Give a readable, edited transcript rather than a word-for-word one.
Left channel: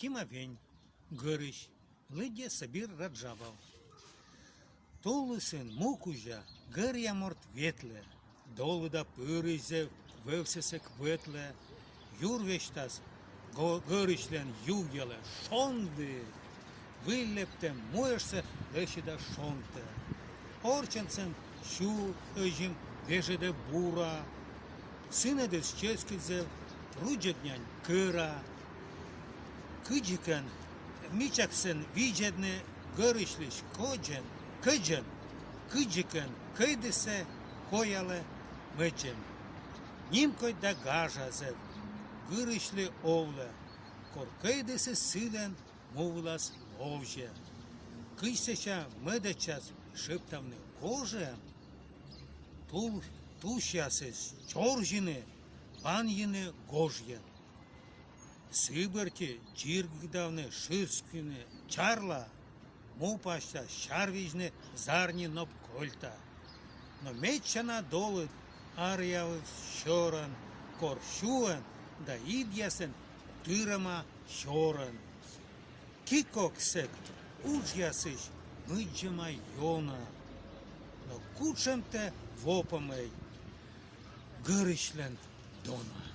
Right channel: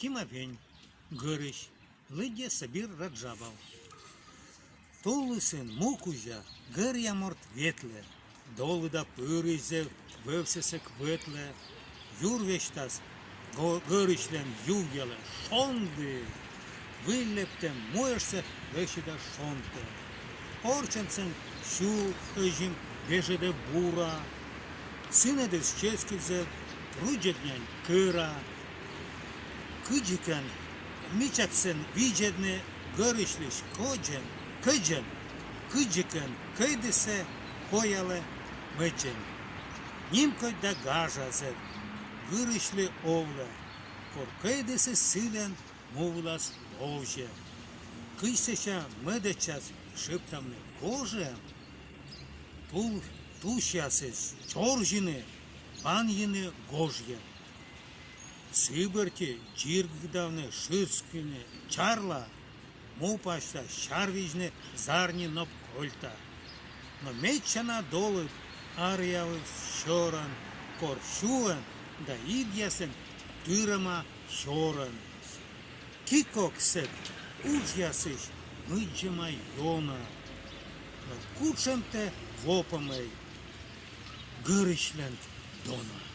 Тімавень, Гирищ, Лидя Сабір Раджабав. Толусин мукужа, гир'я мортветле, долуда пириззе, вевсесек ветле, юрвештас, гиришлен югеле, шонди, виллептем моешсе вешеда шонте. Орченцен щу, кажім, вежеде бура, синедес ческідзе, руджеднянь кира, кыджикен, мичаксен виджедне, гиришлиш коджен, кыджен, кыджикен, кыйдесе, кояле, мычен. Нимкой да гажазе, вырышле овле, кор кыйдесе силен, мовлас овже. Кыйсеша медечас шептамне коже, тушясес чоржine, паньине гожье. Сиберти чиргдавне ширскине, чарла, мупашта шарвижне зарни нопкольта. Но мечана долыт арьявы щоран, коршуен да идясен тырама щоран. Кикоксет учясыш мыджима йона, но кучемте вопамей гырышлен дона.